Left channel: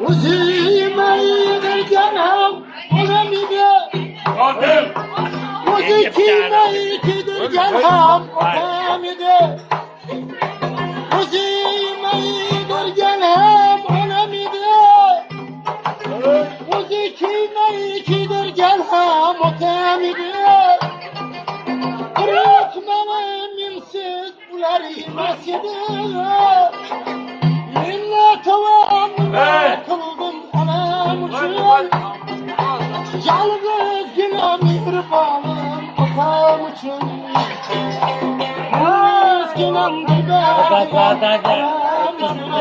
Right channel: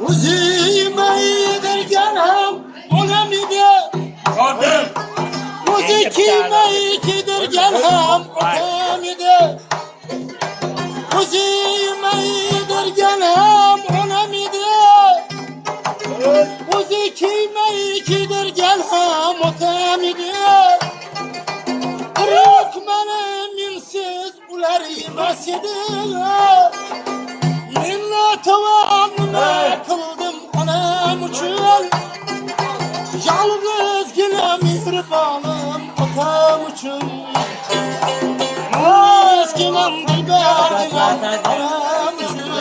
Uzime derganam olamide Uzi kime derganam olamide Uzime derganam olamide Uzi kime derganam olamide Kırık bana minsiz ular yemasidi Tavanımı kıldım anam için Yalnız gene mihribanım atam için Yalnız gene dilberim anam için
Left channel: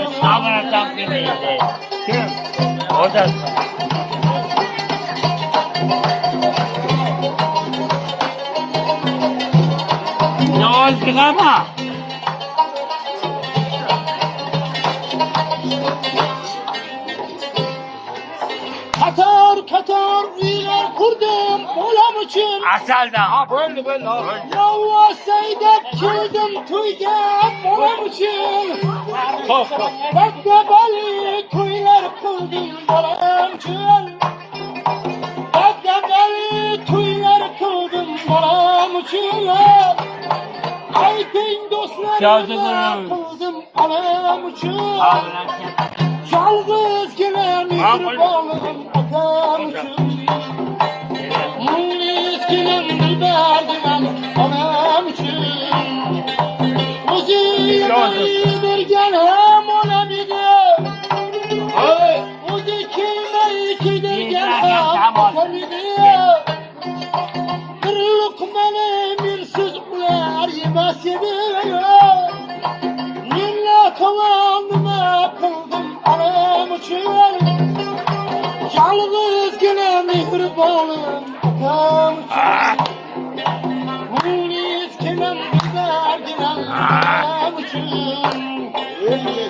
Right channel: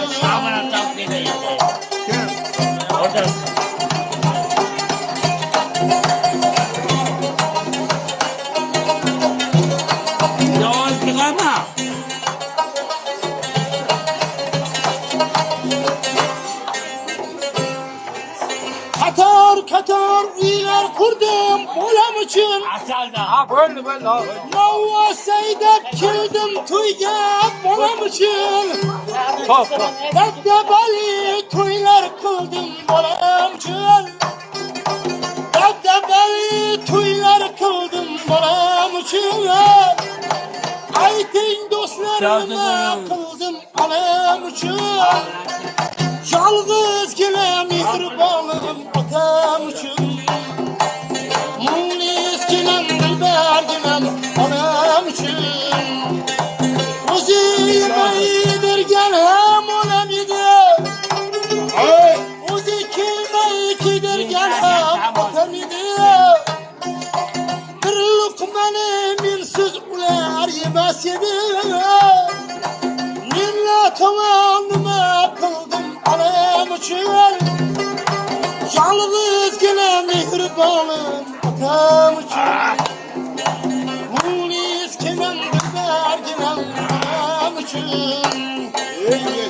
Katar uylar kurdum olam için Asalda ha böyle Yavva seydep kildim tuyga olam için Dabdabali tuylar kıldım olam için Dabdabali tuylar kıldım olam için Ayting dostlarıma kıldım olam için Yalnız gene mihribanım atam için Miskinim dilberdim anam için Uzime derganam olamide Uzi kime derganam olamide Bir lokmani minsiz ular yemas edi Minna tavanıma kıldım anam için Yalnız gene mihribanım atam için Miskinim dilberdim anam için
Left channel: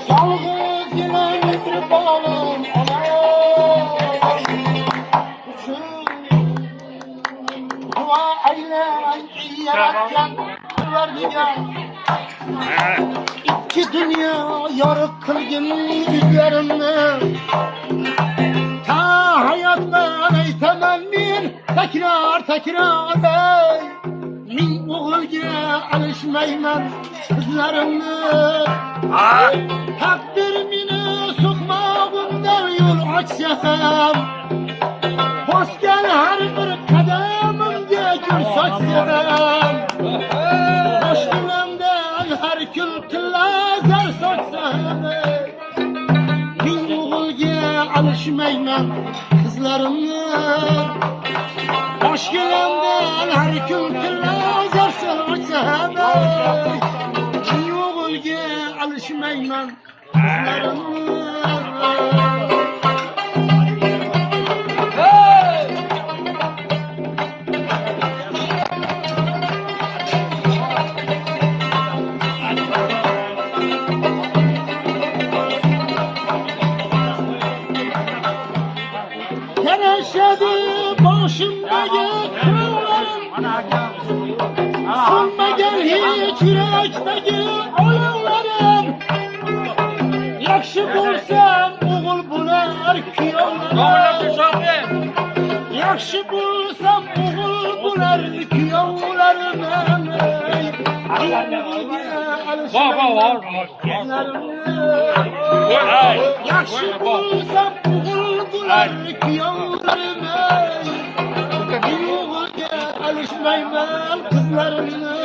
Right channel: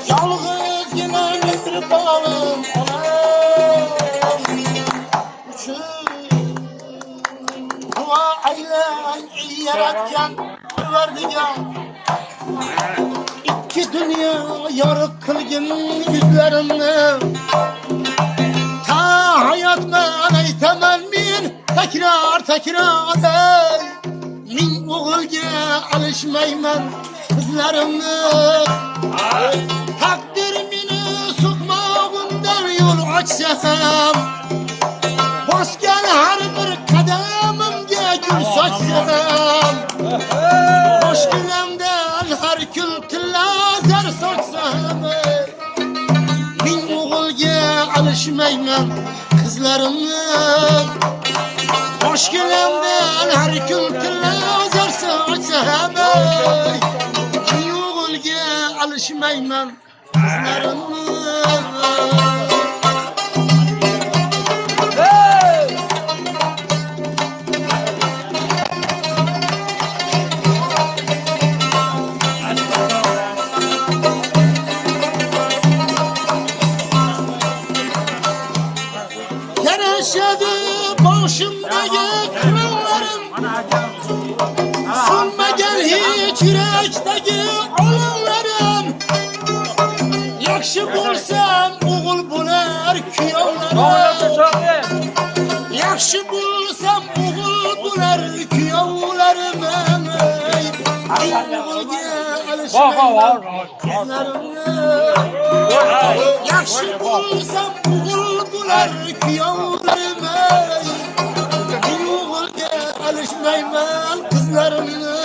Yalnız gene mihribanım anam için Dua eylen iyi yaratgan Verdigan İki dünya yarık kılgın yüzlerimni Ta hayatman aytaman men tekrar ey Min o'g'ilga alishmayman qizlarimni Takdir meni so'qmog'imdan yo'l ochsa ham Bosgan har bir qadamimga gul sochsa ham Boshginamdan har kun tilla zar sochsa ham Min o'g'ilga alishmayman qizlarimni Boshginamdan har kun tilla zar sochsa ham Min o'g'ilga alishmayman qizlarimni Yaşadı başımdaki kırıklarım Sönmegen hiç yürekteki olanlarım Yakşı bulsam oğul bular kuyovlarım Yakşı bulsam oğul bular kuyovlarım Oğulga alışmayman kızlarımı Yakşı bulsam oğul bular kuyovlarım Oğulga alışmayman kızlarımı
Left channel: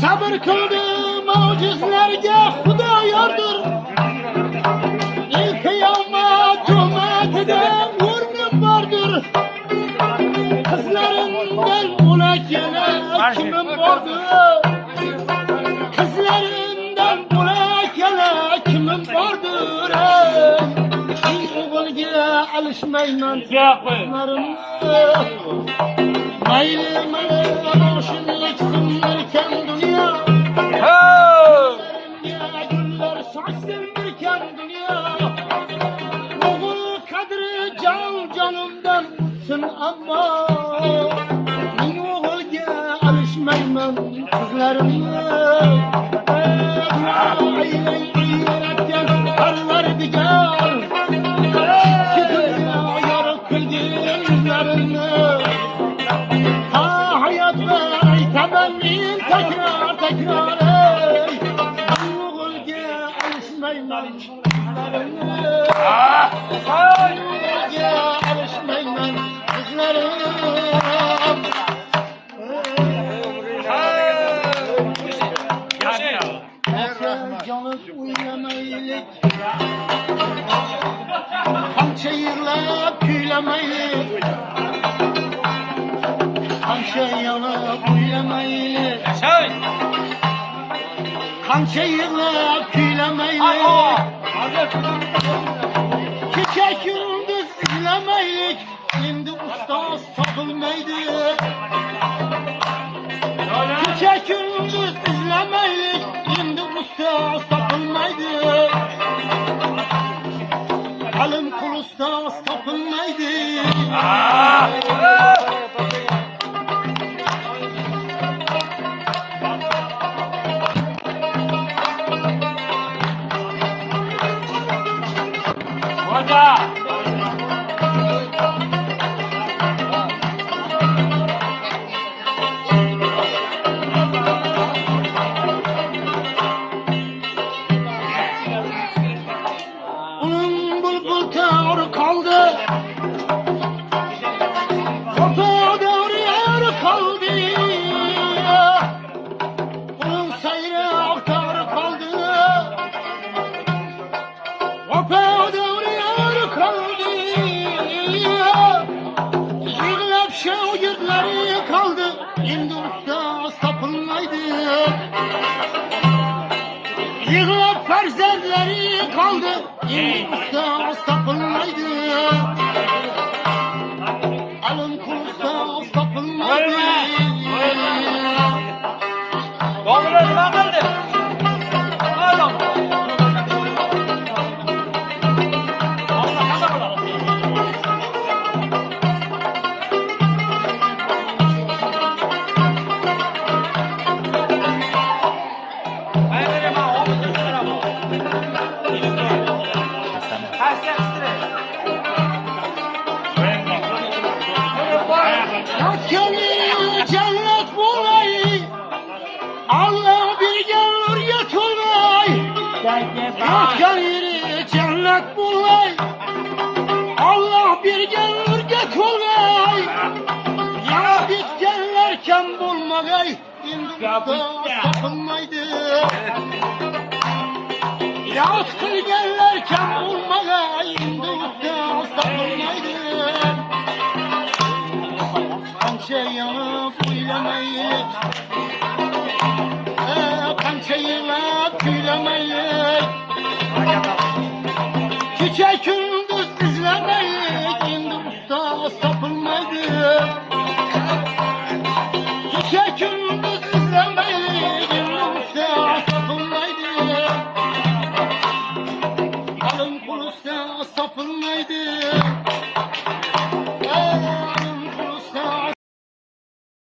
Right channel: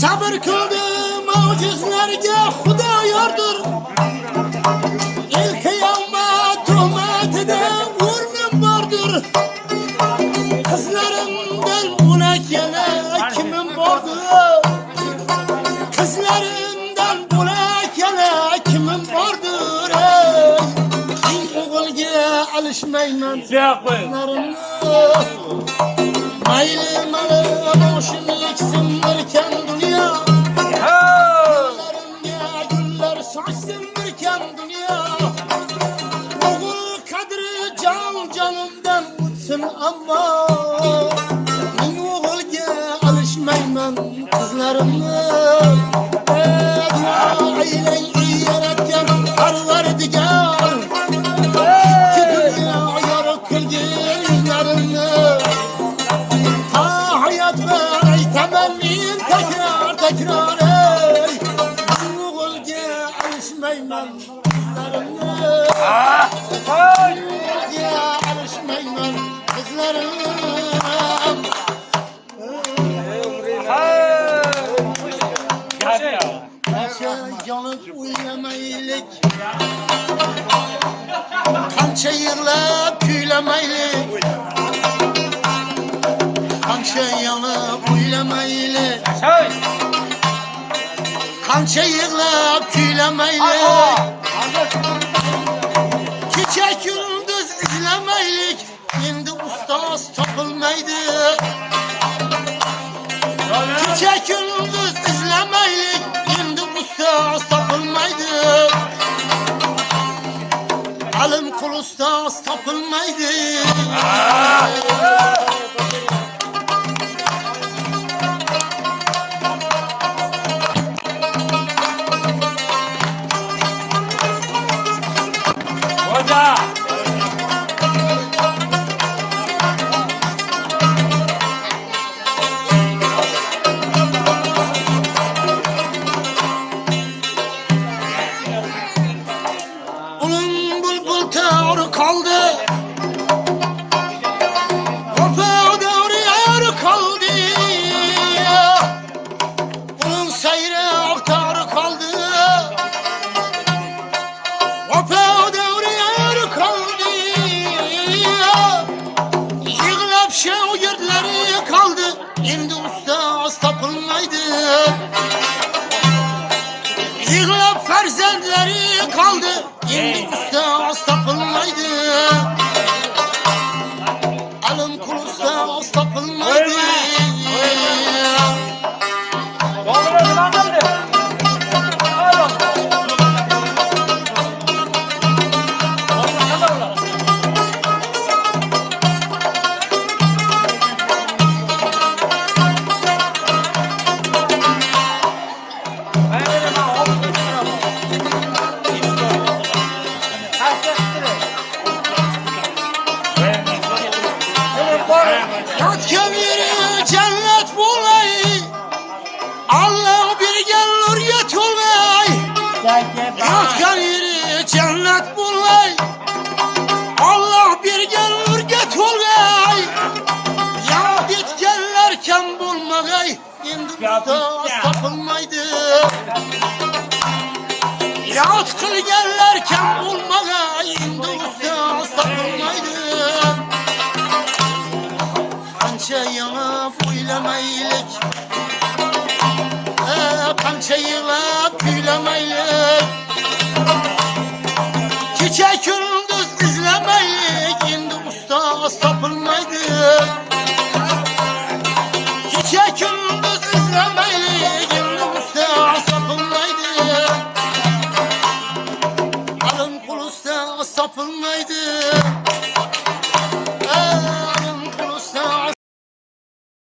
Sabır kıldım mucizlerge Xudo yordur El kıyamet tuhmatide o'rnim bordur Kızlarımdan bulak yana kimim bordur Kızlarımdan bulak yana alışmayman kızlarımı. Mayli malı boşum yeksindirken dünya, güllerimge güller saçsındirken dünya. Oğul kadri can canımdan uçsun ama men oğulga alışmayman kızlarımı. Dua eyley yaratgan Parvardigar, ikki dünya yorug' qilgin yuzlarimni. Ta hayot var aytaman men takror ey, men o'g'ilga alishmayman qizlarimni. O'g'ilga alishmayman qizlarimni. Canım uylamaylik, qancha yig'lab kuylamaylik, qancha yonib uylamaylik, qancha yig'lab kuylamaylik, kecha kunduz izlamaylik, endi ustoz topilmaydi. Kecha kunduz izlamaylik, endi ustoz topilmaydi. Alim qul ustoz topilmaydi. Kaldı, Hopa devri ayrı kaldı, bunun seyri aktarı kaldı. Hopa devri ayrı kaldı, yığılıp şevgirleri kaldı, endi ustaz tapılmaydı. Yığılıp ferzendleri kaldı, endi ustaz tapılmaydı. Alim kul ustaz tapılmaydı. Yatkan yeri cennet bulay, Allah bir gelir yetulay. Yatkan yeri cennet bulay, Allah bir gelir yetulay. Ya bitkenlerken bulmagay, endi ustoz tapılmaydı. Yat kılgenlerken bulmagay, endi ustoz tapılmaydı. Qancha yanıp uylamaylik, qancha yig'lab kuylamaylik, kecha kunduz izlamaylik, endi ustoz topilmaydi. Kecha kunduz izlamaylik, endi ustoz topilmaydi. Alim qul ustoz topilmaydi.